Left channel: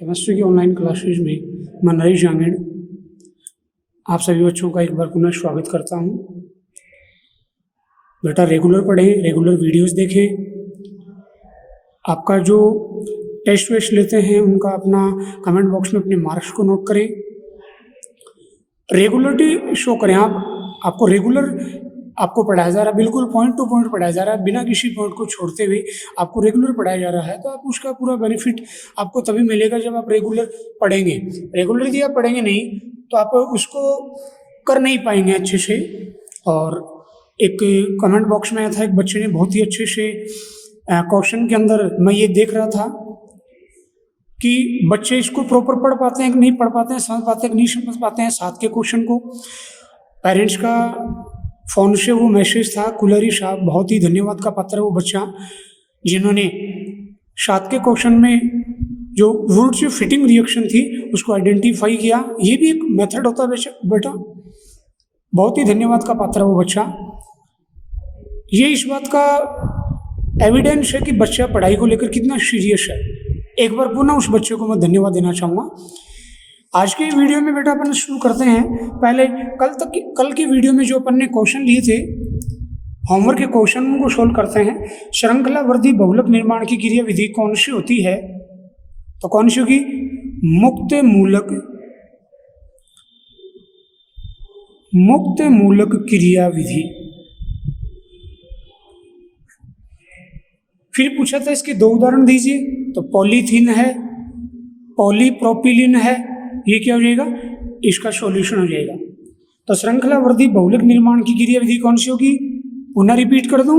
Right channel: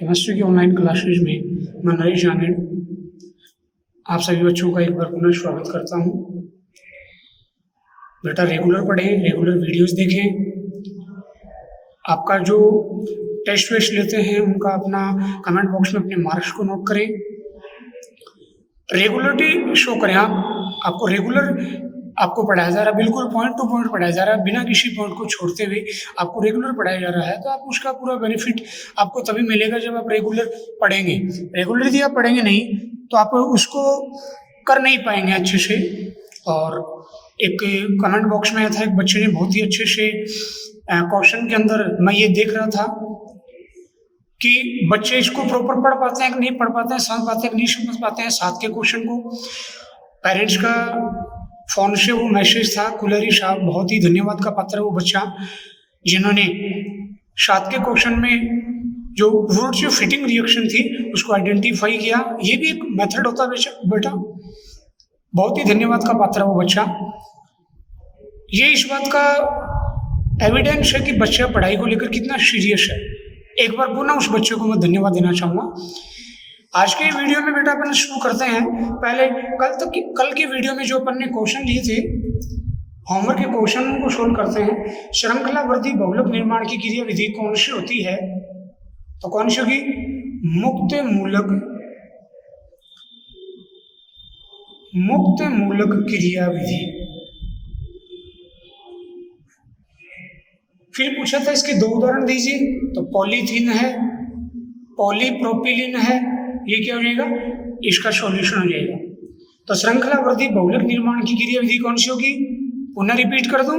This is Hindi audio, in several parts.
केमिस्ट्री की ऑनलाइन क्लासेज में मैं नरेश जानेड़ आप सभी बच्चों का एक बार पुनः स्वागत करता हूँ। बेटा रेगुलर पढ़ें, रेगुलर वीडियोस देखें। आपका जो टेस्ट वेस्ट लेते हैं उनका अपना कमेंट बॉक्स में अपने मार्क्स को नोट करें। रेगुलरिटी शो करें। आपको रेगुलर आपको पढ़ाया जा रहा है, बिल्कुल पॉइंट टू पॉइंट पढ़ाया जा रहा है, बिना किसी पॉइंट को छोड़ते हुए आपको रेगुलर पढ़ाया जा रहा है, तो आप उसका पूरा बेनिफिट आपको तभी मिलेगा जब आप रेगुलर पढ़ेंगे। रेगुलर यदि आप पढ़ेंगे नहीं तो आप उसको कर नहीं पाएंगे अच्छे से। और एक कमेंट बॉक्स में आया था, एक बच्चे ने बहुत ही अच्छे से क्वेश्चन के अंदर मैं ये देख रहा था कि बच्चे इसको प्रॉपर पढ़ पाते हैं कि नहीं पढ़ पाते हैं, समझ पाते हैं कि नहीं समझ पाते हैं। 7 के क्वेश्चन को पेरेंट्स का फ़ोन से वो मैसेज था, कुलरी साहब बहुत ही धन्यवाद का पात्र है वो बच्चा जिन्होंने 7 के क्वेश्चन में जो वर्ड्स जो फिटिंग रिएक्शन थी उसको आइडेंटिफाई किया। ये भी एक मेथड होता है बेटा, बहुत ही धन्यवाद का पात्र है वो बच्चा। ये इस बात का एविडेंस है कि बच्चा पढ़ाई को लेकर कितना सीरियस है। एक बार पुनः उस बच्चे को मैं धन्यवाद देना चाहूँगा। आज के वीडियो में बेटा अपन शुरू करते हैं। पहले कल की वीडियो में जो अपन ने क्वेश्चन लिए थे, होमवर्क के क्वेश्चन को सोल्व करते हैं। श्रृंखलावर्ती बहुलक निर्माण की क्रिया विधि कौन सी होती है? तो कौन सी होगी? मुक्त मूलक क्रिया विधि। फिर पूछा था इसके 2 उदाहरण दीजिए, तो पॉलीथीन है, पॉलीप्रोपिलीन है, ये क्या हो जाएगा? इसका सॉल्यूशन हो जाएगा। तो श्रृंखलावर्ती बहुलक निर्माण की क्रिया विधि कौन सी होगी? पुनः रिपीट कर दूं,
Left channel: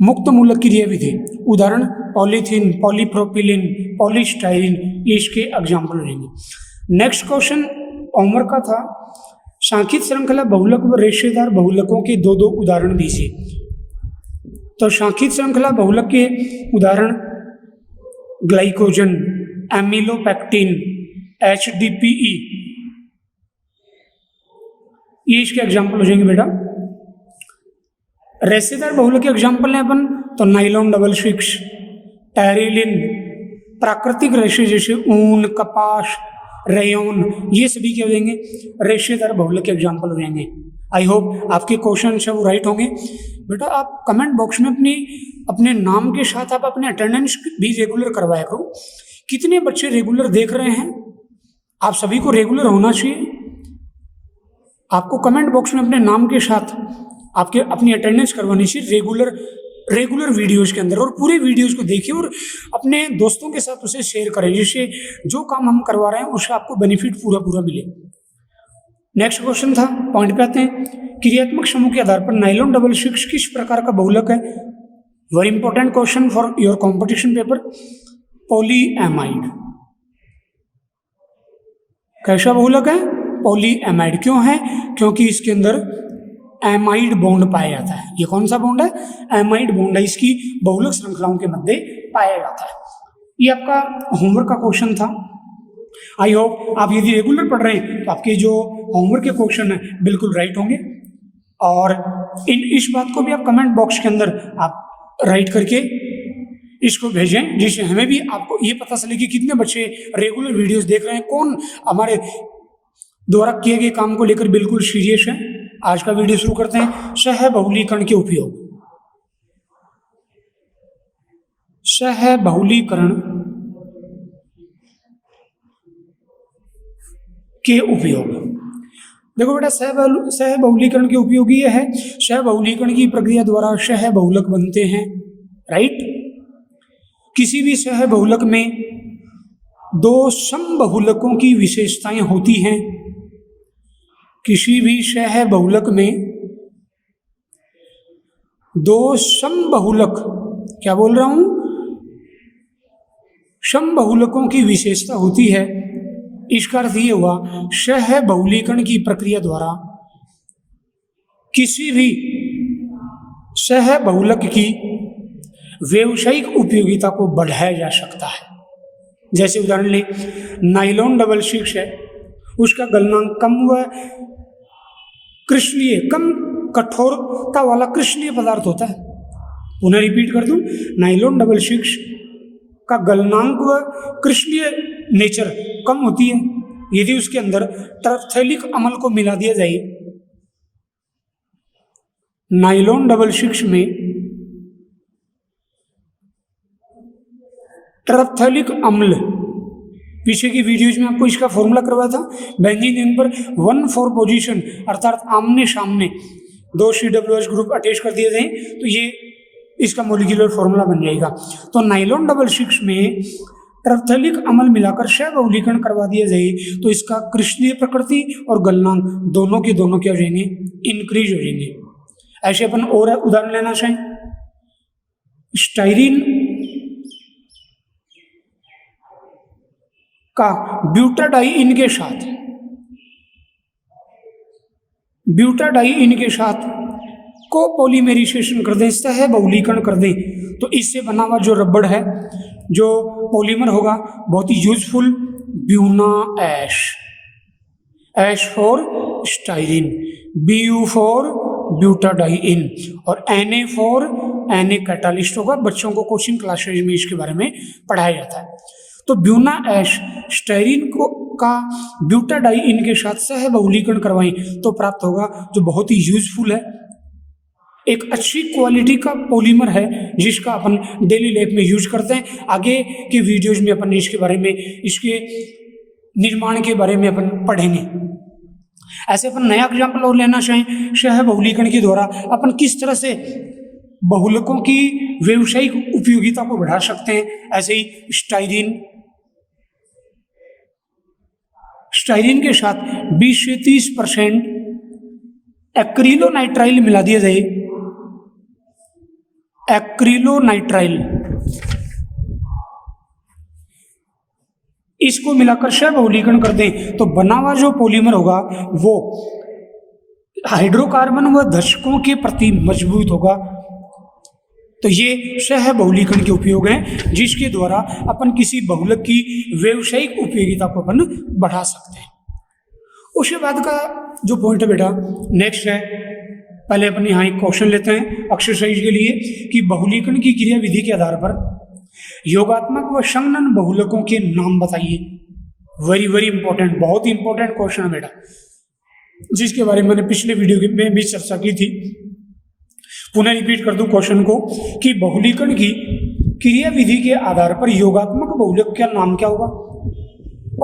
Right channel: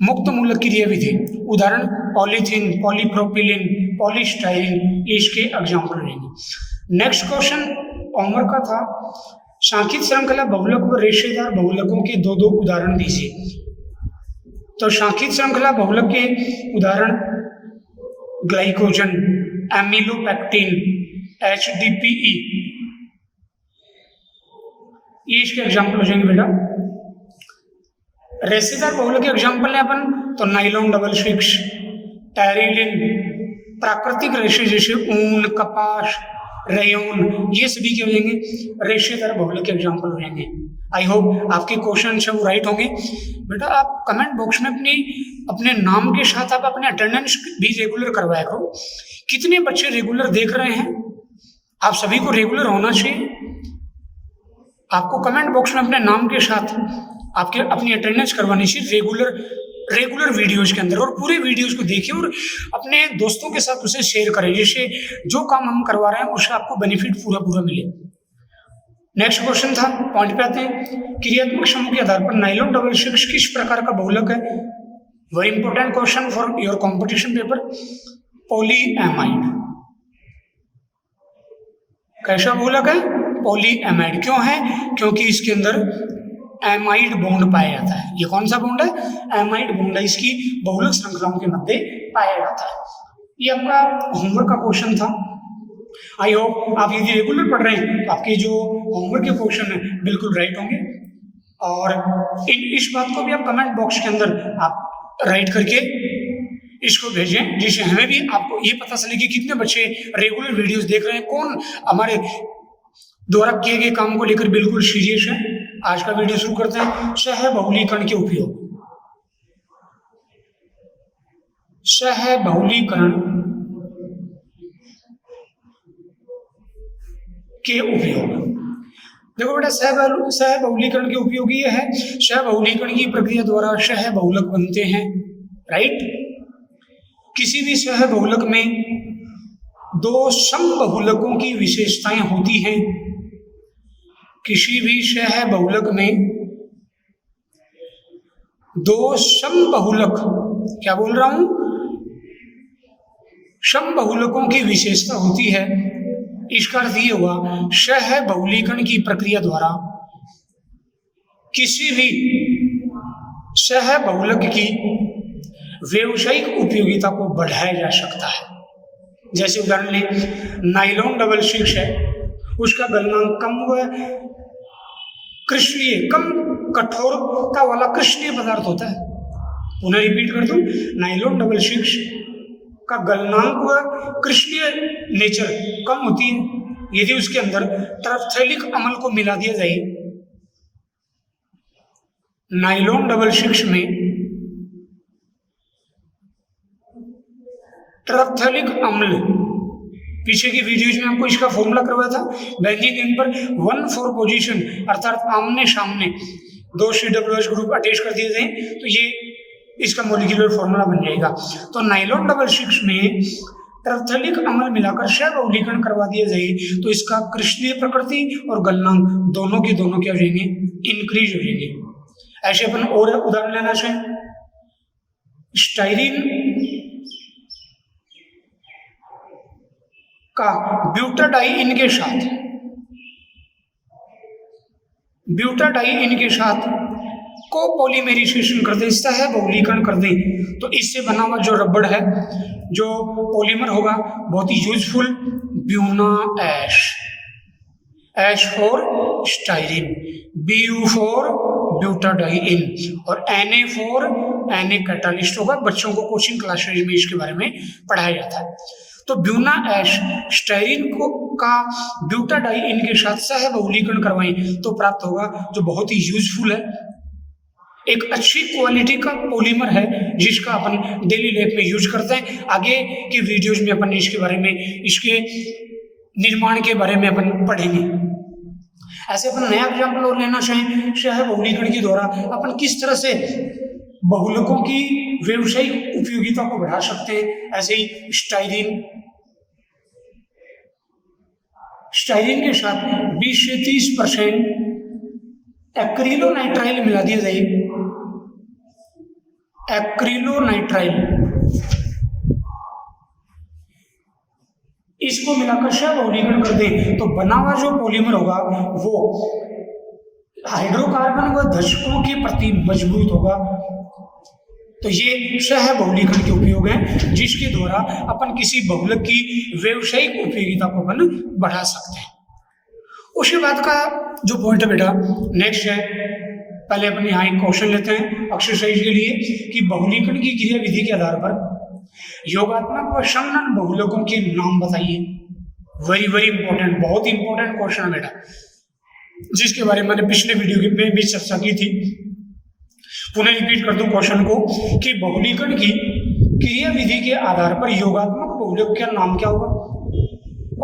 मुक्त मूलक क्रिया विधि। उदाहरण पॉलीथीन, पॉलीप्रोपिलीन, पॉलीस्टाइरीन, ये इसके एग्जाम्पल रहेंगे। नेक्स्ट क्वेश्चन होमवर्क का था, सांखिक श्रृंखला बहुलक व रेशेदार बहुलकों के 2 उदाहरण दीजिए। तो सांखिक श्रृंखला बहुलक के उदाहरण ग्लाइकोजन, एमिलोपेक्टिन, HDPE, ये इसके एग्जाम्पल हो जाएंगे बेटा। रेशेदार बहुलक के एग्जाम्पल है अपन तो नाइलॉन डबल स्विक्स, टेरिलिन, प्राकृतिक रेशे जैसे ऊन, कपास, रेयोन, ये सभी क्या हो जाएंगे? रेशेदार बहुलक के एग्जाम्पल हो जाएंगे। आई होप आपके क्वेश्चन सब राइट होंगे। बेटा आप कमेंट बॉक्स में अपने नाम के साथ आप अपने अटेंडेंस भी रेगुलर करवाया करो। कितने बच्चे रेगुलर देख रहे हैं? आप सभी को रेगुलर होना चाहिए। आपको कमेंट बॉक्स में अपने नाम के साथ आपके अपनी अटेंडेंस करवानी चाहिए रेगुलर वीडियोज के अंदर, और पूरे वीडियोज को देखिए और अपने दोस्तों के साथ उसे शेयर करें, जिससे जो काम हम करवा रहे हैं उससे आपको बेनिफिट पूरा मिले। नेक्स्ट क्वेश्चन था, पॉइंट पे आते हैं। क्रियात्मक समूह के आधार पर नाइलॉन डबल स्विक्स किस प्रकार का बहुलक है? Very important question for your competition paper. Polyamide. कैसा बहुलक है? पॉलीएमाइड। क्यों है? क्योंकि इसके अंदर एमाइड बॉन्ड पाया जाता है। ये कौन सा बॉन्ड है? एमाइड बॉन्ड है, इसकी बहुलक श्रृंखलाओं के मध्य पाया जाता है। ये आपका होमवर्क का क्वेश्चन था। आई होप आप यदि रेगुलर पढ़ रहे हैं तो आपके जो होमवर्क के क्वेश्चन है बिल्कुल राइट होंगे। और इस बात को भी आप कमेंट बॉक्स के अंदर आप राइट करके इसको भेजें, जिससे हमें भी आपको ये पता चले कि कितने बच्चे रेगुलर वीडियोस देख रहे हैं, कौन हमारे द्वारा किए गए काम को लेकर बिल्कुल सीरियस है। आज का वीडियो शुरू करते हैं। सहबहुलीकरण के उपयोग। सहबहुलीकरण के उपयोग। देखो बेटा, सहबहुलीकरण के उपयोग ये है, सहबहुलीकरण की प्रक्रिया द्वारा सहबहुलक बनते हैं। राइट? किसी भी सहबहुलक में 2 समबहुलकों की विशेषताएं होती हैं। किसी भी सहबहुलक में 2 समबहुलक, क्या बोल रहा हूं? समबहुलकों की विशेषता होती है। इसका अर्थ ये हुआ, सहबहुलीकरण की प्रक्रिया द्वारा किसी भी सहबहुलक की व्यावसायिक उपयोगिता को बढ़ाया जा सकता है। जैसे उदाहरण ले, नाइलॉन डबल स्विक्स है, उसका गलनांक कम हुआ है, कृष्णीय, कम कठोरता वाला कृष्णीय पदार्थ होता है। पुनः रिपीट कर दूं, नाइलॉन डबल स्विक्स का गलनांक व क्रिस्टलीय नेचर कम होती है यदि उसके अंदर टरफ्थैलिक अम्ल को मिला दिया जाए। नाइलॉन डबल सिक्स में टरफ्थैलिक अम्ल, पीछे की वीडियोज में आपको इसका फॉर्मूला करवाया था, बेंजीन इन पर 1,4 पोजीशन अर्थात आमने सामने 2 COH ग्रुप अटैच कर दिए जाए तो ये इसका मोलिकुलर फॉर्मूला बन जाएगा। तो नाइलॉन डबल सिक्स में टरफ्थैलिक अम्ल मिलाकर सहबहुलीकरण करवा दिया जाए तो इसका क्रिस्टलीय प्रकृति और गलनांक दोनों के दोनों क्या हो जाएंगे, इंक्रीज हो जाएंगे। ऐसे अपन और उदाहरण लेना चाहें, स्टाइरिन का ब्यूटाडाइइन के साथ कोपोलीमराइजेशन कर दें, सहबहुलीकरण कर दें तो इससे बना हुआ जो रबड़ है, जो पॉलीमर होगा बहुत ही useful, Buna S, S for styrene, BU for butadiene और Na फॉर Na कैटालिस्ट होगा। बच्चों को कोचिंग क्लासेज में इसके बारे में पढ़ाया जाता है। तो ब्यूना ऐश स्टाइरिन को का ब्यूटाडाइइन के साथ सहबहुलीकरण करवाएं तो प्राप्त होगा जो बहुत ही यूजफुल है, एक अच्छी क्वालिटी का पॉलीमर है जिसका अपन डेली लाइफ में यूज करते हैं। आगे के वीडियोज में अपन इसके बारे में, इसके निर्माण के बारे में अपन पढ़ेंगे। ऐसे अपन नया एग्जाम्पल और लेना चाहें, सहबहुलीकरण के द्वारा अपन किस तरह से बहुलकों की व्यावसायिक उपयोगिता को बढ़ा सकते हैं। ऐसे ही स्टाइरिन के साथ 20 से 30% एक्रिलोनाइट्राइल मिला दिया जाए, एक्रिलोनाइट्राइल, इसको मिलाकर सहबहुलीकरण कर दें तो बना हुआ जो पॉलीमर होगा वो हाइड्रोकार्बन व धशकों के प्रति मजबूत होगा। तो ये सहबहुलीकरण के उपयोग हैं जिसके द्वारा अपन किसी बहुलक की व्यावसायिक उपयोगिता को अपन बढ़ा सकते हैं। उसके बाद का जो पॉइंट है बेटा नेक्स्ट है, पहले अपने यहाँ एक क्वेश्चन लेते हैं एक्सरसाइज के लिए कि बहुलीकरण की क्रिया विधि के आधार पर योगात्मक व संगणन बहुलकों के नाम बताइए। वेरी वेरी इंपॉर्टेंट, बहुत इंपॉर्टेंट क्वेश्चन है बेटा, जिसके बारे में मैंने पिछले वीडियो में भी चर्चा की थी। पुनः रिपीट कर दूं क्वेश्चन को कि बहुलीकरण की क्रिया विधि के आधार पर योगात्मक बहुलक का नाम क्या होगा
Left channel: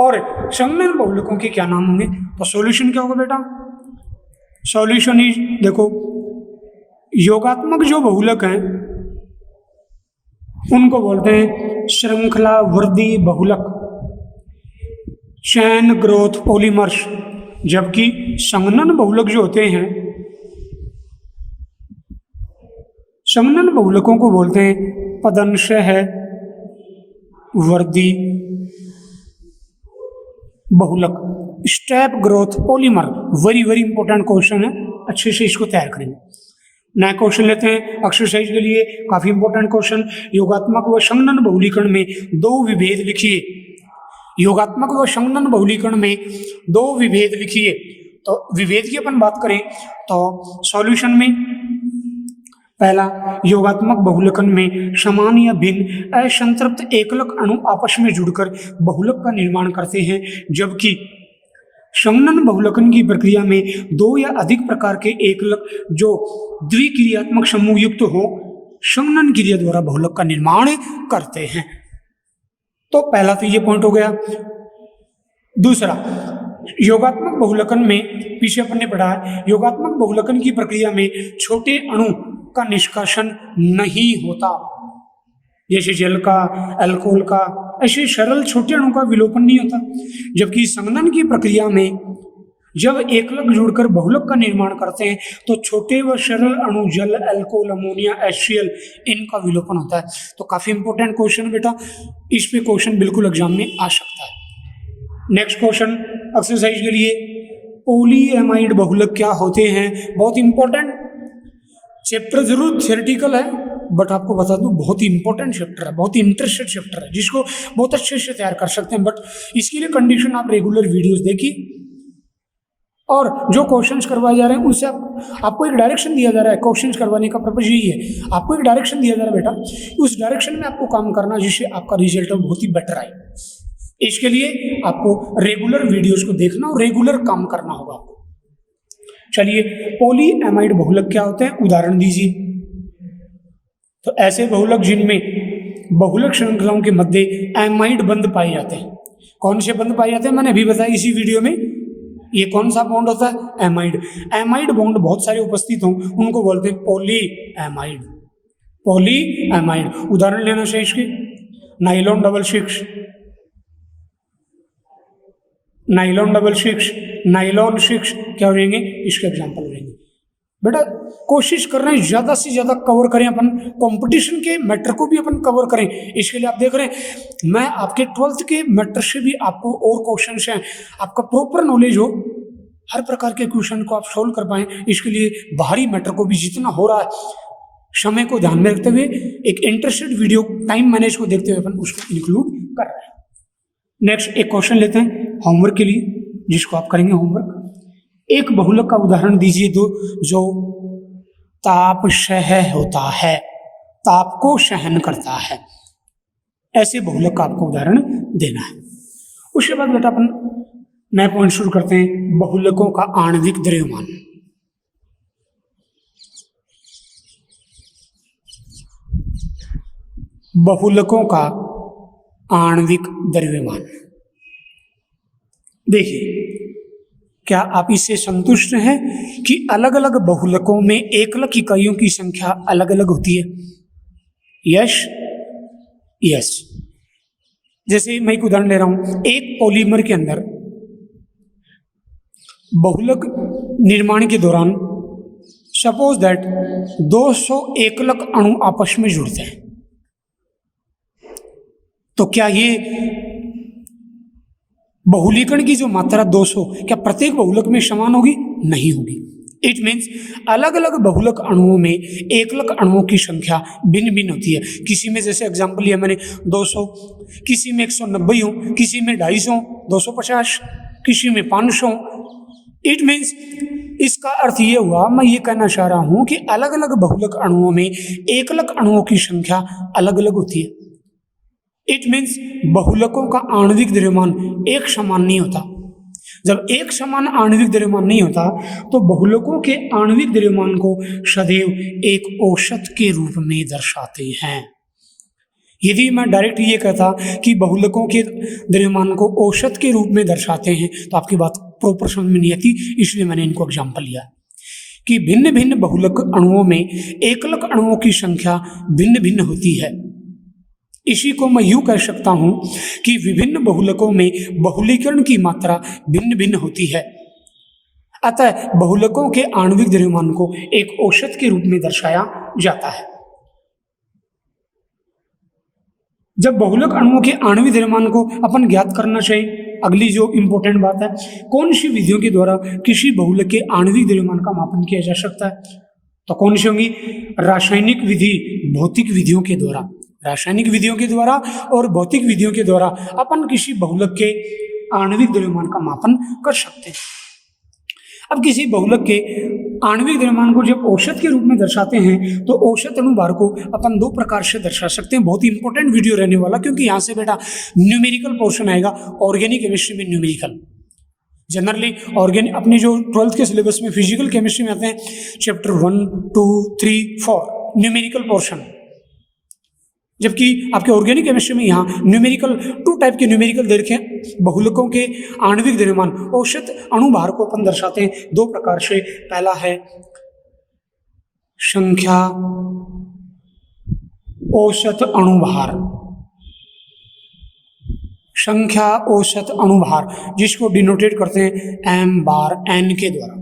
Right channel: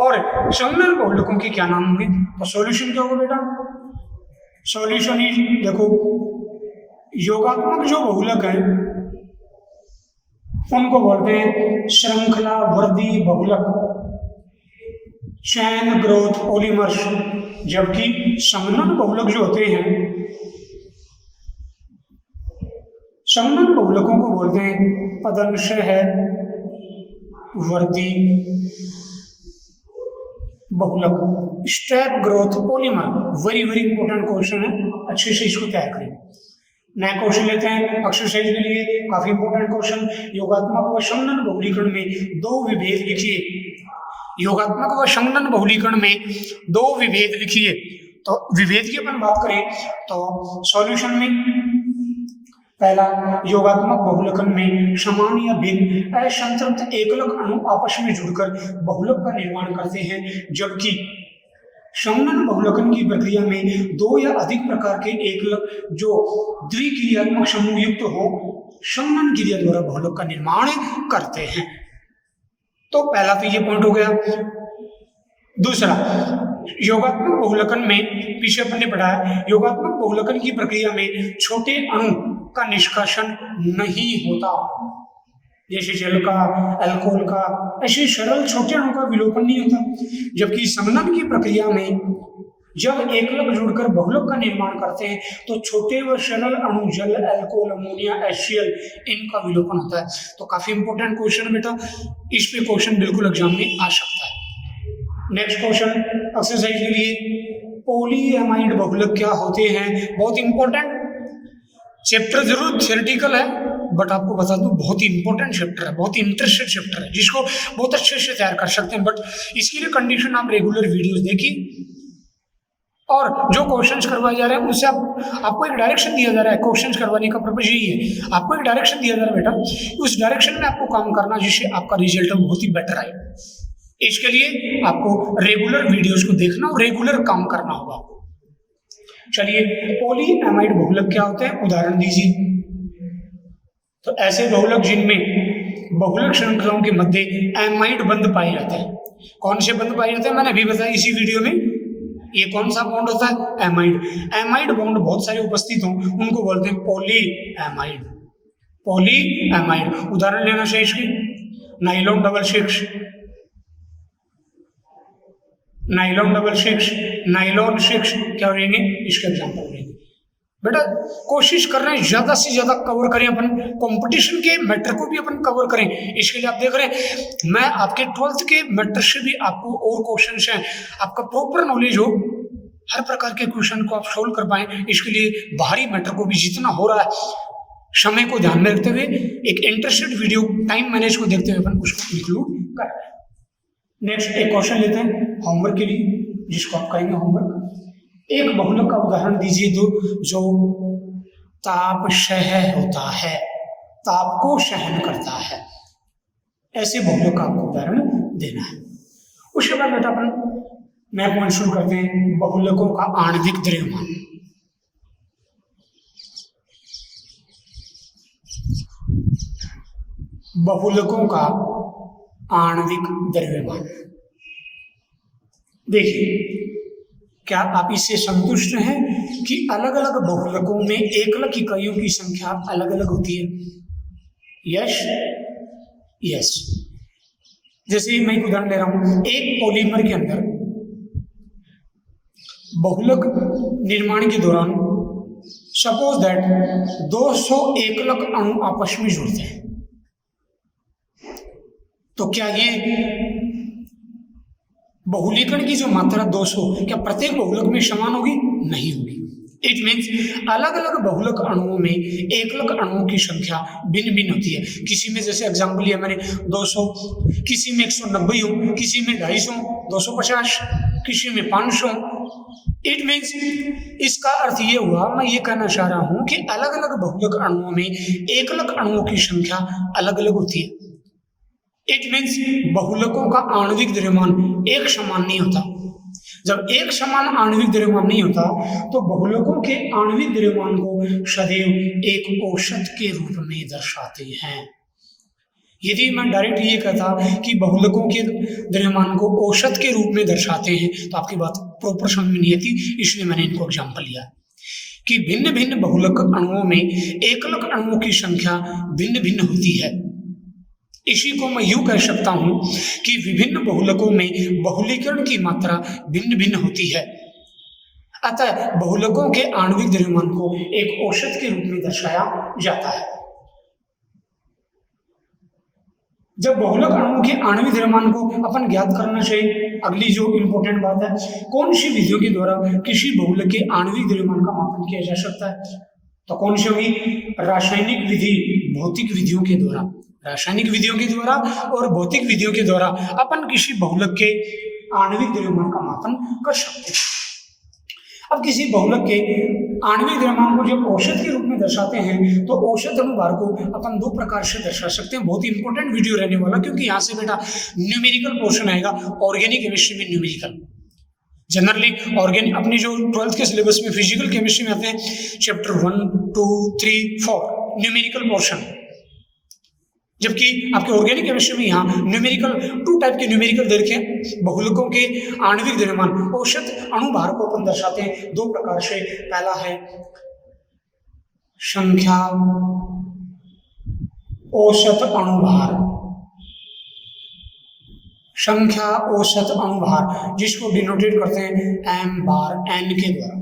और संगणन बहुलकों के क्या नाम होंगे। तो सॉल्यूशन क्या होगा बेटा, सॉल्यूशन इज, देखो योगात्मक जो बहुलक है उनको बोलते हैं श्रृंखला वृद्धि बहुलक, चैन ग्रोथ पॉलीमर्स, जबकि संगणन बहुलक जो होते हैं, संगणन बहुलकों को बोलते हैं पदंशः वृद्धि बहुलक, step growth polymer. Very very important question है, अच्छे से इसको तैयार करेंगे। नया क्वेश्चन लेते हैं एक्सरसाइज के लिए, काफी इंपॉर्टेंट क्वेश्चन। योगात्मक व संगणन बहुलीकरण में 2 विभेद लिखिए। योगात्मक व संगणन बहुलीकरण में 2 विभेद लिखिए। तो विभेद की अपन बात करें तो सॉल्यूशन में पहला, योगात्मक बहुलकन में समान या भिन्न असंतृप्त एकलक अणु आपस में जुड़कर बहुलक का निर्माण करते हैं, जबकि संगणन बहुलकन की प्रक्रिया में 2 या अधिक प्रकार के एकलक जो द्विक्रियात्मक समूह युक्त हो संगणन क्रिया द्वारा बहुलक का निर्माण करते हैं। तो पहला तो ये पॉइंट हो गया। दूसरा, योगात्मक बहुलकन में पीछे अपन ने पढ़ा, योगात्मक बहुलकन की प्रक्रिया में छोटे अणु का निष्कासन नहीं होता, जैसे जल का, अल्कोहल का, ऐसे सरल छोटे अणु का विलोपन नहीं होता। जबकि संगणन की प्रक्रिया में जब एकलक जुड़कर बहुलक का निर्माण करते हैं तो छोटे व सरल अणु जल, अल्कोहल, अमोनिया, HCl इनका विलोपन होता है। तो काफी इंपॉर्टेंट क्वेश्चन बेटा, इस पे क्वेश्चन बिल्कुल एग्जाम में आ सकता है। नेक्स्ट क्वेश्चन एक्सरसाइज के लिए, पॉलीएमाइड बहुलक क्या होते हैं। बहुत इंपॉर्टेंट चैप्टर, जरूर थियोरेटिकल है बट आपको बता दूं बहुत ही इंपॉर्टेंट चैप्टर है, बहुत ही इंटरेस्टेड चैप्टर है, जिसको बहुत अच्छे से तैयार कर सकते हैं। बट इसके लिए कंडीशन आप रेगुलर वीडियोस देखिए और जो क्वेश्चंस करवाए जा रहे हैं उनसे आपको एक डायरेक्शन दिया जा रहा है। क्वेश्चंस करवाने का पर्पज यही है, आपको एक डायरेक्शन दिया जा रहा है बेटा, उस डायरेक्शन में आपको काम करना जिससे आपका रिजल्ट बहुत ही बेटर आए। इसके लिए आपको रेगुलर वीडियोस को देखना और रेगुलर काम करना होगा। चलिए, पॉलीएमाइड बहुलक क्या होते हैं, उदाहरण दीजिए। तो ऐसे बहुलक जिनमें बहुलक श्रृंखलाओं के मध्य एमाइड बंध पाए जाते हैं। कौन से बंध पाए जाते हैं, मैंने अभी बताया इसी वीडियो में। ये कौन सा बॉन्ड होता है, एमाइड। एमाइड बॉन्ड बहुत सारे उपस्थित हों उनको बोलते हैं पॉलीएमाइड। पॉलीएमाइड उदाहरण लेना चाहिए इसके, nylon double six, nylon double six, nylon six क्या हो जाएंगे, इसके एग्जाम्पल हो जाएंगे। बेटा कोशिश कर रहे हैं ज़्यादा से ज़्यादा कवर करें, अपन कंपटीशन के मैटर को भी अपन कवर करें। इसके लिए आप देख रहे हैं मैं आपके 12th के मैटर से भी आपको और क्वेश्चन हैं, आपका प्रॉपर नॉलेज हो, हर प्रकार के क्वेश्चन को आप सोल्व कर पाएँ। इसके लिए बाहरी मैटर को भी जितना हो रहा है समय को ध्यान में रखते हुए एक इंटरेस्टेड वीडियो टाइम मैनेज को देखते हुए अपन उसको इंक्लूड कर रहे हैं। नेक्स्ट एक क्वेश्चन लेते हैं होमवर्क के लिए, जिसको आप करेंगे होमवर्क। एक बहुलक का उदाहरण दीजिए दो जो ताप सह होता है, ताप को सहन करता है। ऐसे बहुलक का आपको उदाहरण देना है। उसके बाद बेटा अपन नया पॉइंट शुरू करते हैं, बहुलकों का आणविक द्रव्यमान। बहुलकों का आणविक द्रव्यमान देखिए, क्या आप इससे संतुष्ट हैं कि अलग अलग बहुलकों में एकलक इकाइयों की संख्या अलग अलग होती है? Yes yes. जैसे मैं एक उदाहरण ले रहा हूं, एक पॉलीमर के अंदर बहुलक निर्माण के दौरान सपोज दैट 200 एकलक अणु आपस में जुड़ते हैं, तो क्या ये बहुलीकरण की जो मात्रा 200 क्या प्रत्येक बहुलक में समान होगी? नहीं होगी। इट मीन्स अलग अलग बहुलक अणुओं में एकलक अणुओं की संख्या भिन्न भिन्न होती है। किसी में जैसे एग्जाम्पल लिया मैंने 200, किसी में 190 हो, किसी में 250, 250, किसी में 500। इट मीन्स इसका अर्थ ये हुआ, मैं ये कहना चाह रहा हूं कि अलग अलग बहुलक अणुओं में एकलक अणुओं की संख्या अलग अलग होती है। इट मीन्स बहुलकों का आणविक द्रव्यमान एक समान नहीं होता। जब एक समान आणविक द्रव्यमान नहीं होता तो बहुलकों के आणविक द्रव्यमान को सदैव एक औसत के रूप में दर्शाते हैं। यदि मैं डायरेक्ट ये कहता कि बहुलकों के द्रव्यमान को औसत के रूप में दर्शाते हैं तो आपकी बात प्रॉपर समझ में नहीं आती, इसलिए मैंने इनको एग्जाम्पल लिया कि भिन्न भिन्न बहुलक अणुओं में एकलक अणुओं की संख्या भिन्न भिन्न होती है। इसी को मैं यूं कह सकता हूं कि विभिन्न बहुलकों में बहुलीकरण की मात्रा भिन्न भिन्न होती है। अतः बहुलकों के आणविक द्रव्यमान को एक औसत के रूप में दर्शाया जाता है। जब बहुलक अणुओं के आणविक द्रव्यमान को अपन ज्ञात करना चाहिए, अगली जो इंपॉर्टेंट बात है, कौन सी विधियों के द्वारा किसी बहुलक के आणविक द्रव्यमान का मापन किया जा सकता है? तो कौन सी होगी? रासायनिक विधि, भौतिक विधियों के द्वारा। रासायनिक विधियों के द्वारा और भौतिक विधियों के द्वारा अपन किसी बहुलक के आणविक द्रव्यमान का मापन कर सकते हैं। अब किसी बहुलक के आणविक द्रव्यमान को जब औसत के रूप में दर्शाते हैं तो औसत अनुभार को अपन दो प्रकार से दर्शा सकते हैं। बहुत ही इंपॉर्टेंट वीडियो रहने वाला, क्योंकि यहाँ से बेटा न्यूमेरिकल पोर्शन आएगा। ऑर्गेनिक केमिस्ट्री में न्यूमेरिकल, जनरली ऑर्गेनिक अपनी जो 12th के सिलेबस में फिजिकल केमिस्ट्री में आते हैं, चैप्टर 1, 2, 3, 4 न्यूमेरिकल पोर्शन, जबकि आपके ऑर्गेनिक केमिस्ट्री में यहाँ न्यूमेरिकल 2 टाइप के न्यूमेरिकल दे रखे हैं। बहुलकों के आणविक द्रव्यमान औसत अणुभार को अपन दर्शाते हैं 2 प्रकार से। पहला है संख्या औसत अणुभार, संख्या औसत अणुभार, जिसको डिनोटेट करते हैं m बार n के द्वारा।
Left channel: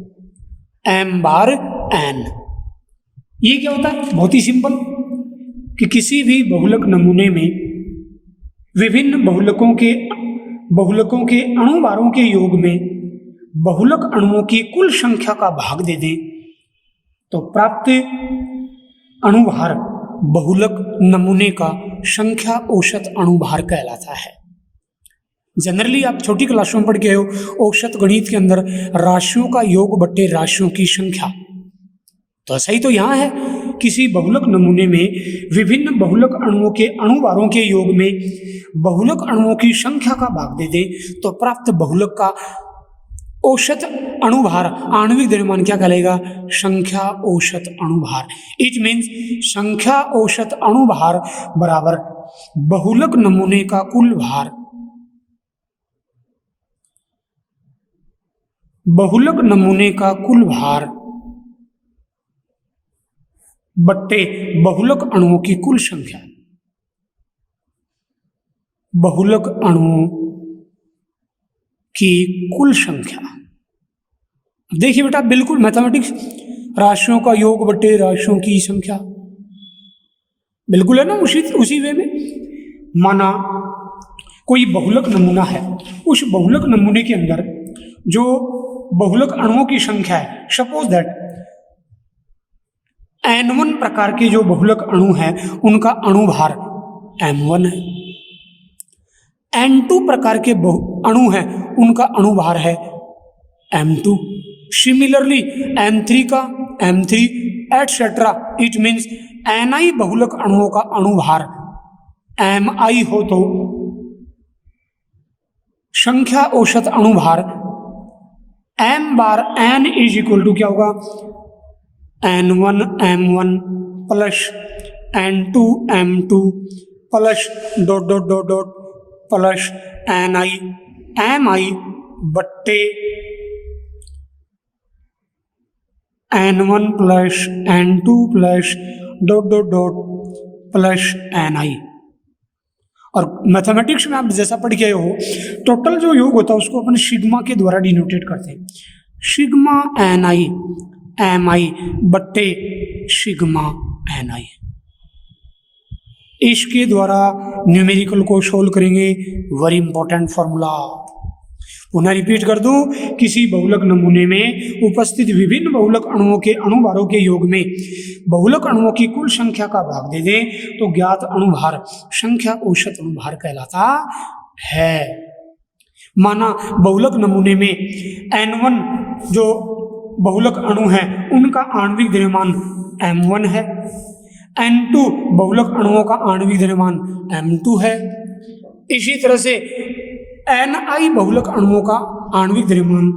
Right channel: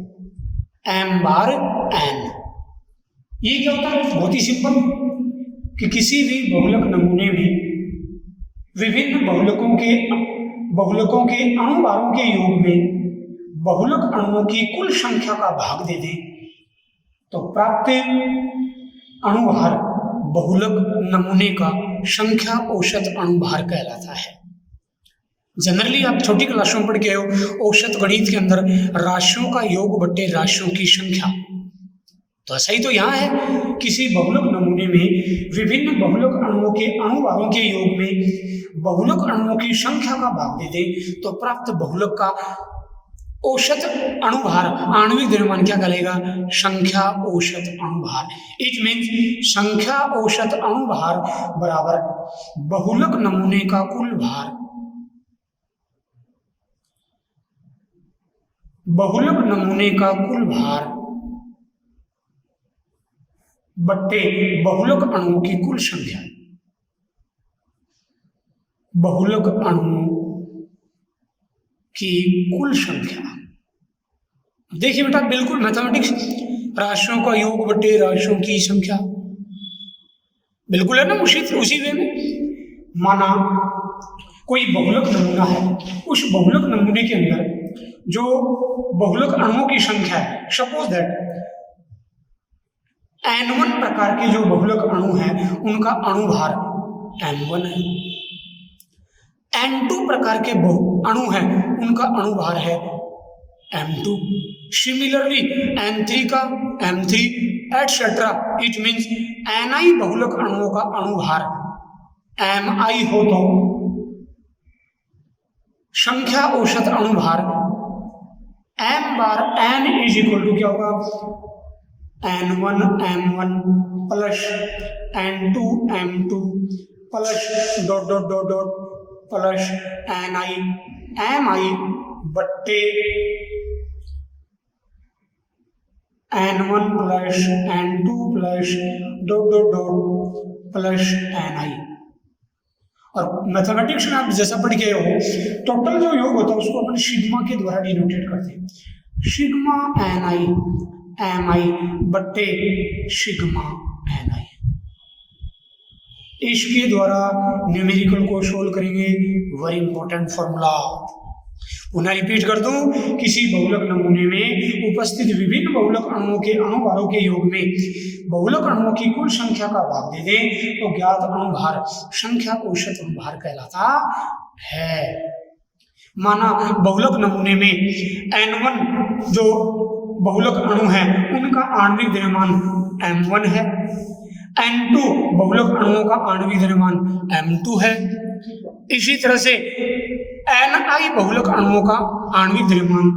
m बार n ये क्या होता है? बहुत ही सिंपल कि किसी भी बहुलक नमूने में विभिन्न बहुलकों के अणुभारों के योग में बहुलक अणुओं की कुल संख्या का भाग दे दें तो प्राप्त अणुभार बहुलक नमूने का संख्या औसत अणुभार कहलाता है। जनरली आप छोटी क्लासों में पढ़ के आए हो औसत गणित के अंदर राशियों का योग बट्टे राशियों की संख्या। तो ऐसा ही तो यहाँ है, किसी बहुलक नमूने में विभिन्न बहुलक अणुओं के अणुभारों के योग में बहुलक अणुओं की संख्या का भाग दे दे तो प्राप्त बहुलक का औसत अणुभार आणविक द्रव्यमान क्या कहलाएगा? संख्या औसत अणुभार। इट मीन्स संख्या औसत अणुभार बराबर बहुलक नमूने का कुल भार, बहुलक नमूने का कुल भार बट्टे बहुलक अणुओं की कुल संख्या। बहुलक अणुओं की कुल संख्या। देखिए बेटा, बिल्कुल मैथमेटिक्स, राशियों का योग बट्टे राशियों की संख्या, बिल्कुल है ना, उसी वे में। माना कोई बहुलक नमूना है, उस बहुलक नमूने के अंदर जो बहुलक अणुओं की संख्या है, सपोज दैट N1 प्रकार के जो बहुलक अणु हैं उनका अणुभार M1 है, N2 प्रकार के अणु हैं उनका अणुभार है M2, सिमिलरली N3 का M3 etcetera. It means Ni बहुलक अणुओं का अणुभार Mi हो तो संख्या औसत अणुभार M bar N is equal to क्या होगा? N1 M1 plus N2 M2 plus dot dot dot dot plus Ni Mi बट्टे N1 plus N2 plus dot dot dot plus Ni। और मैथमेटिक्स में आप जैसा पढ़ के हो, टोटल जो योग होता है उसको अपन सिग्मा के द्वारा डिनोटेट करते हैं, सिग्मा Ni Mi बट्टे सिग्मा Ni। इसके द्वारा न्यूमेरिकल को सोल्व करेंगे। वेरी इंपॉर्टेंट फॉर्मूला, पुनः रिपीट कर दूं, किसी बहुलक नमूने में उपस्थित विभिन्न बहुलक अणुओं के अणुभारों के योग में बहुलक अणुओं की कुल संख्या का भाग दे दें तो ज्ञात अणुभार संख्या औसत अणुभार कहलाता है। माना बहुलक नमूने में N1 जो बहुलक अणु है उनका आणविक द्रव्यमान M1 है, N2 बहुलक अणुओं का आणविक द्रव्यमान M2 है। इसी तरह से Ni बहुलक अणुओं का आणविक द्रव्यमान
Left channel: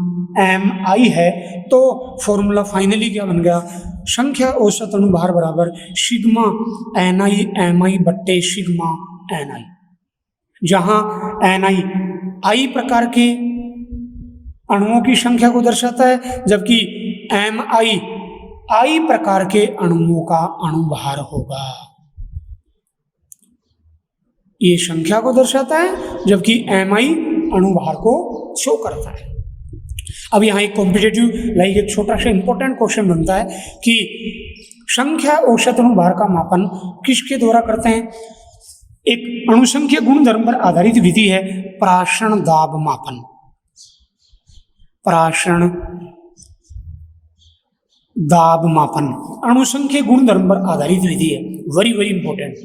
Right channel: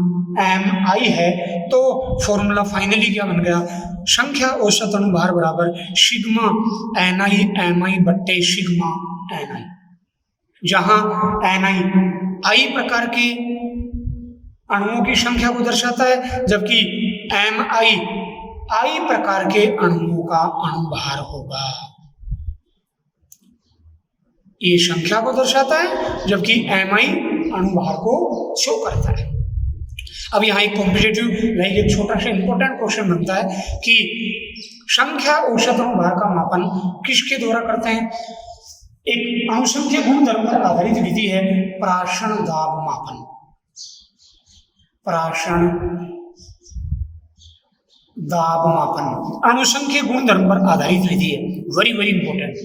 Mi है। तो फॉर्मूला फाइनली क्या बन गया? संख्या औसत अणुभार बराबर सिग्मा Ni Mi बट्टे सिग्मा Ni, जहां Ni I प्रकार के अणुओं की संख्या को दर्शाता है जबकि Mi I प्रकार के अणुओं का अणुभार होगा। ये संख्या को दर्शाता है जबकि Mi अणुभार को शो करता है। अब यहाँ एक कॉम्पिटेटिव लाइक एक छोटा सा इंपॉर्टेंट क्वेश्चन बनता है कि संख्या औसत अणुभार का मापन किसके द्वारा करते हैं? एक अणुसंख्यक गुणधर्म पर आधारित विधि है प्राशन दाब मापन। प्राशन दाब मापन अणुसंख्यक गुणधर्म पर आधारित विधि है। Very very important.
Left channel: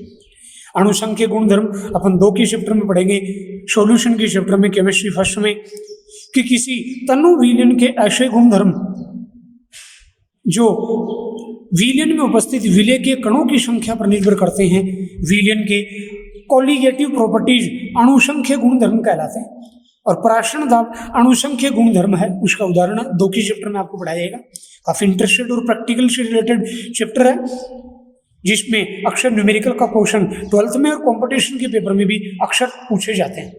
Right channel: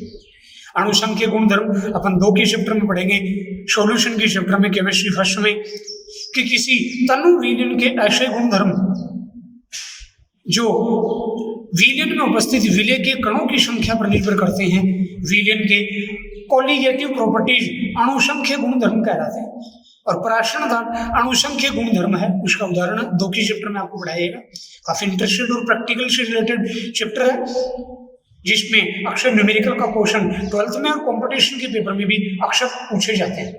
अणुसंख्यक गुणधर्म अपन 2 के चैप्टर में पढ़ेंगे, सॉल्यूशन के चैप्टर में केमिस्ट्री फर्स्ट में, कि किसी तनु विलयन के ऐसे गुणधर्म जो विलयन में उपस्थित विलय के कणों की संख्या पर निर्भर करते हैं, विलयन के कोलिगेटिव प्रॉपर्टीज अणुसंख्यक गुणधर्म कहलाते हैं। और प्राशन दाब अणुसंख्यक गुणधर्म है, उसका उदाहरण 2 के चैप्टर में आपको पढ़ाया जाएगा। काफी इंटरेस्टेड और प्रैक्टिकल से रिलेटेड चैप्टर है, जिसमें अक्सर न्यूमेरिकल का क्वेश्चन 12th में और कंपटीशन के पेपर में भी अक्सर पूछे जाते हैं।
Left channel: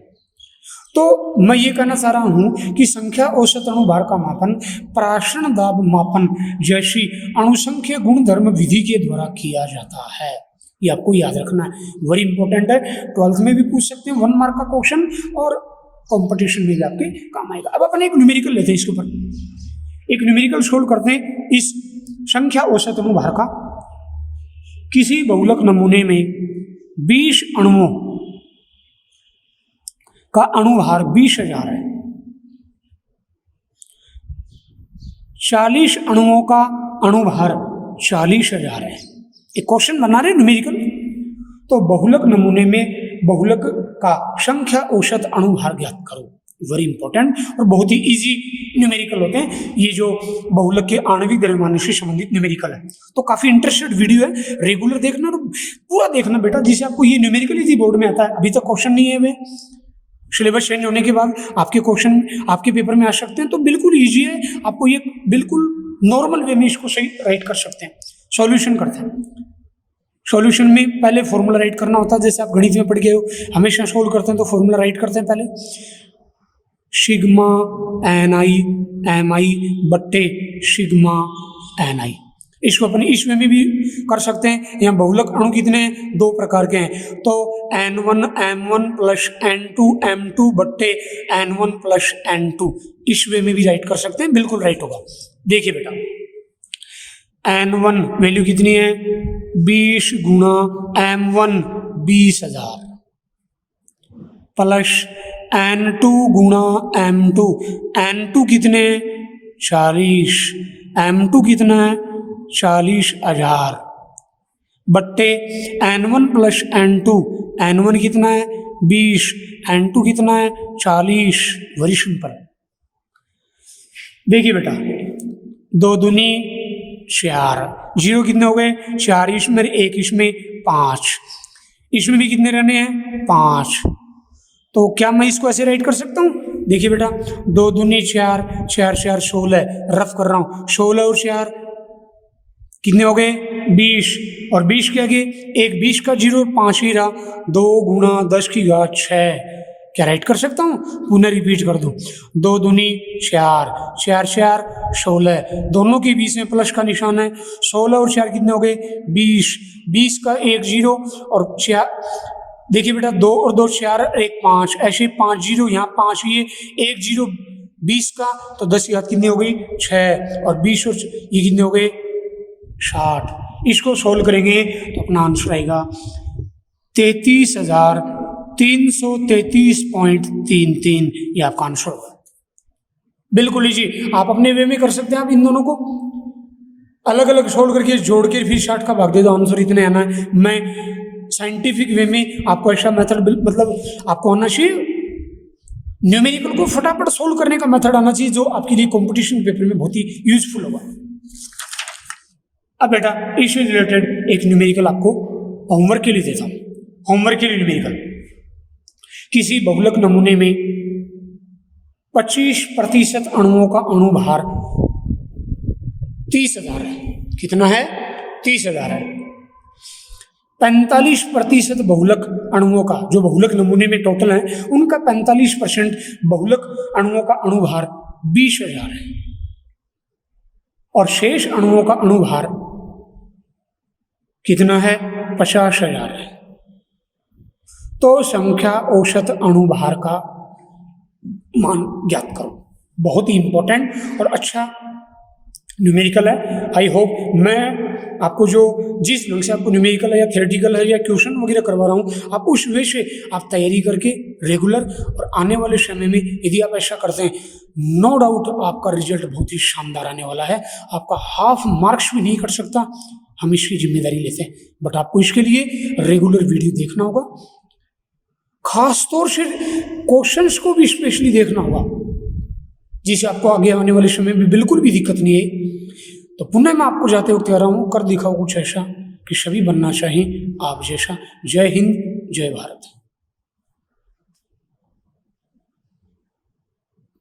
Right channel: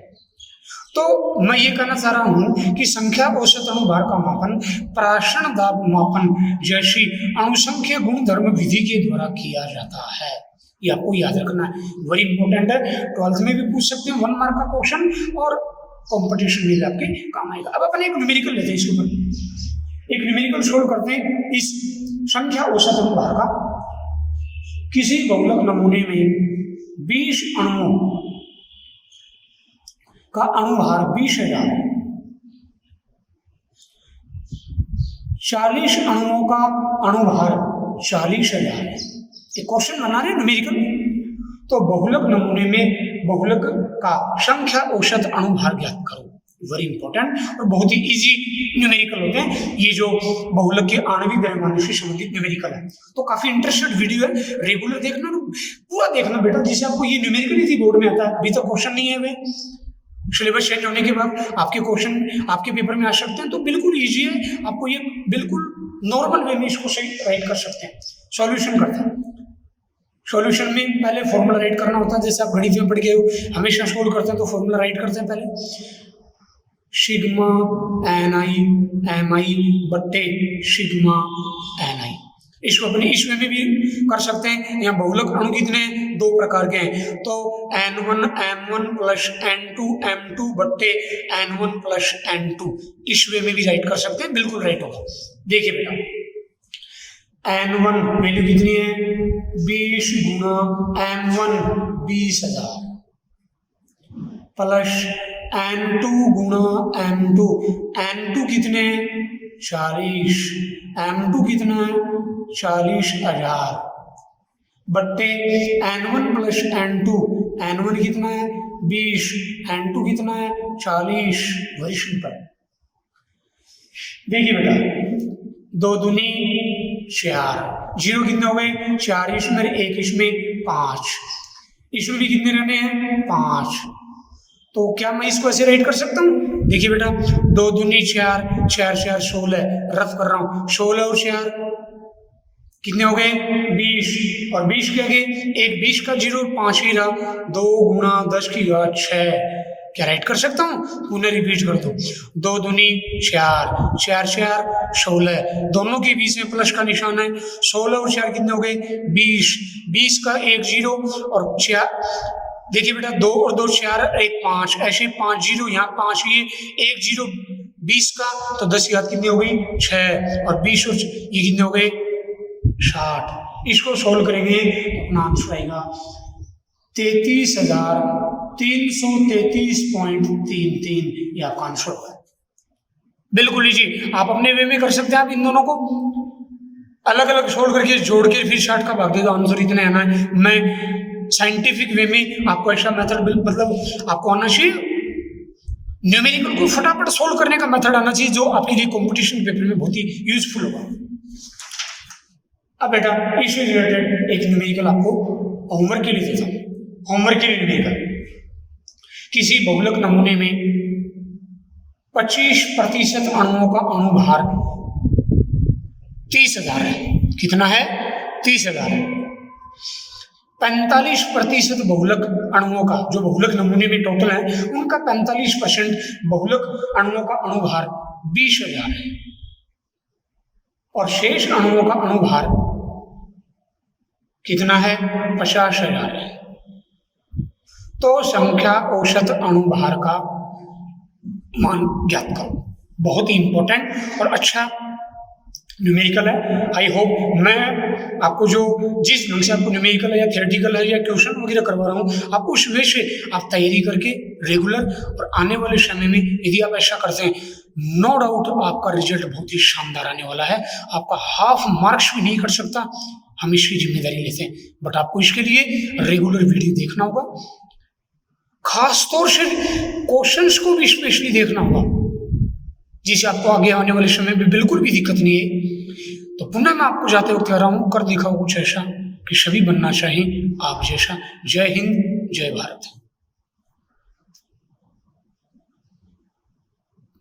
तो मैं ये कहना चाह रहा हूं कि संख्या औसत अणुभार का मापन प्राशन दाब मापन जैसी अणुसंख्यक गुणधर्म विधि के द्वारा किया जाता है। ये आपको याद रखना है, वेरी इंपॉर्टेंट है। 12th में भी पूछ सकते हैं 1 मार्क का क्वेश्चन और कंपटीशन में भी आपके काम आएगा। अब अपन एक न्यूमेरिकल लेते हैं, इसके ऊपर एक न्यूमेरिकल सोल्व करते हैं इस संख्या औसत अणुभार का। किसी बहुलक नमूने में 20 अणुओं का अणुभार 20,000 है, 40 अणुओं का अणुभार 40,000 है। एक क्वेश्चन बना रहे न्यूमेरिकल। तो बहुलक नमूने में बहुलक का संख्या औसत अणुभार ज्ञात करो। वेरी इंपॉर्टेंट और बहुत ही इजी न्यूमेरिकल होते हैं ये जो बहुलक के आणविक द्रव्यमानों से संबंधित न्यूमेरिकल है। तो काफी इंटरेस्टेड वीडियो है, रेगुलर देखना और पूरा देखना बेटा, जिससे आपको ये न्यूमेरिकल इजी बोर्ड में आता है। अभी तक क्वेश्चन नहीं है वे, सिलेबस चेंज होने के बाद आपके क्वेश्चन आपके पेपर में आ सकते हैं, तो बिल्कुल ईजी है, आपको ये बिल्कुल नॉर्मल वे में इसको सही राइट कर सकते हैं। सॉल्यूशन करते हैं, सॉल्यूशन में पहले फॉर्मूला राइट करना होता है, जैसे आप गणित में पढ़ गए हो, हमेशा सोल्व करते हैं तो फॉर्मूला राइट करते हैं पहले, सिग्मा एन आई एम आई बट्टे सिग्मा एन आई। इसको अपने इस वे में भी कर सकते हैं। यहाँ बहुलक अणु कितने हैं, 2 प्रकार के हैं, तो N1 M1 plus N2 M2 बट्टे N1 प्लस N2, इस वे में भी राइट कर सकते हैं, बिल्कुल राइट होगा। देखिए बेटा, N1 वैल्यू कितनी है, 20 गुणा M1 20,000 प्लस N2 गुणा M2, N2 कितने 40, M2 कितना है 40,000 बट्टे N1 प्लस N2, N1 कितना है 20, N2 कितना है 40। Very simple. देखिए बेटा, 2 दूनी 4, 0 कितने हो गए 4, इसमें 1, इसमें 5, इसमें भी कितने रहने हैं 5। तो क्या मैं इसको ऐसे राइट कर सकता हूँ, देखिए बेटा, 2 दूनी 4, 4 4 16, रफ कर रहा हूँ, 16 और 4 कितने हो गए 20, और 20 के आगे एक 20 का 0, 5 ही रहा, 2 गुणा 10 की घात 6, क्या राइट कर सकता हूँ, पुनः रिपीट कर दो, 2 दूनी 4, 4 4 16, दोनों के बीच में प्लस का निशान है, 16 और 4 कितने हो गए 20, 20 का एक 0 और 4, देखिए बेटा 2 और 2 4, 1 5, ऐसे 5 0, यहाँ 5 ये 1 0 20 का, तो 10 की घात कितनी हो गई 6, और 20 और ये कितने हो गए 60। इसको सोल्व करेंगे तो अपना आंसर आएगा 33,333.33, ये आपका आंसर होगा। बिल्कुल लीजिए, आप अपने वे में कर सकते हैं, आप इन दोनों को अलग अलग सोल्व करके जोड़ के फिर 60 का भाग दे दो, आंसर इतने आना है। मैं साइंटिफिक वे में आपको ऐसा मेथड, मतलब आपको आना चाहिए, न्यूमेरिकल को फटाफट सोल्व करने का मेथड आना चाहिए, जो आपके लिए कंपटीशन पेपर में बहुत ही यूजफुल होगा। अब बेटा इससे रिलेटेड एक न्यूमेरिकल आपको होमवर्क के लिए देता हूँ। होमवर्क के लिए न्यूमेरिकल, किसी बहुलक नमूने में 25% अणुओं का अणुभार 30,000 है। कितना है 30,000 है। 45% बहुलक अणुओं का, जो बहुलक नमूने में टोटल है उनका 45% बहुलक अणुओं का अणुभार 20,000 है, और शेष अणुओं का अणुभार कितना है 50,000 है। तो संख्या औसत अणुभार का मान ज्ञात करो। बहुत ही इंपॉर्टेंट और अच्छा न्यूमेरिकल है। आई होप मैं आपको जो जिस ढंग से आपको न्यूमेरिकल है या थियोरेटिकल है या क्वेश्चन वगैरह करवा रहा हूँ, आप उस वे से आप तैयारी करके रेगुलर, और आने वाले समय में यदि आप ऐसा करते हैं, नो डाउट आपका रिजल्ट बहुत ही शानदार आने वाला है। आपका हाफ मार्क्स भी नहीं कर सकता, हम इसकी जिम्मेदारी लेते हैं, बट आपको इसके लिए रेगुलर वीडियो देखना होगा, खास तौर से क्वेश्चंस को भी स्पेशली देखना होगा, जिससे आपको आगे आने वाले समय में बिल्कुल भी दिक्कत नहीं है। तो पुनः मैं आपको जाते वक्त कह रहा हूँ, कर दिखाओ कुछ ऐसा कि सभी बनना चाहिए आप जैसा। जय हिंद, जय भारत।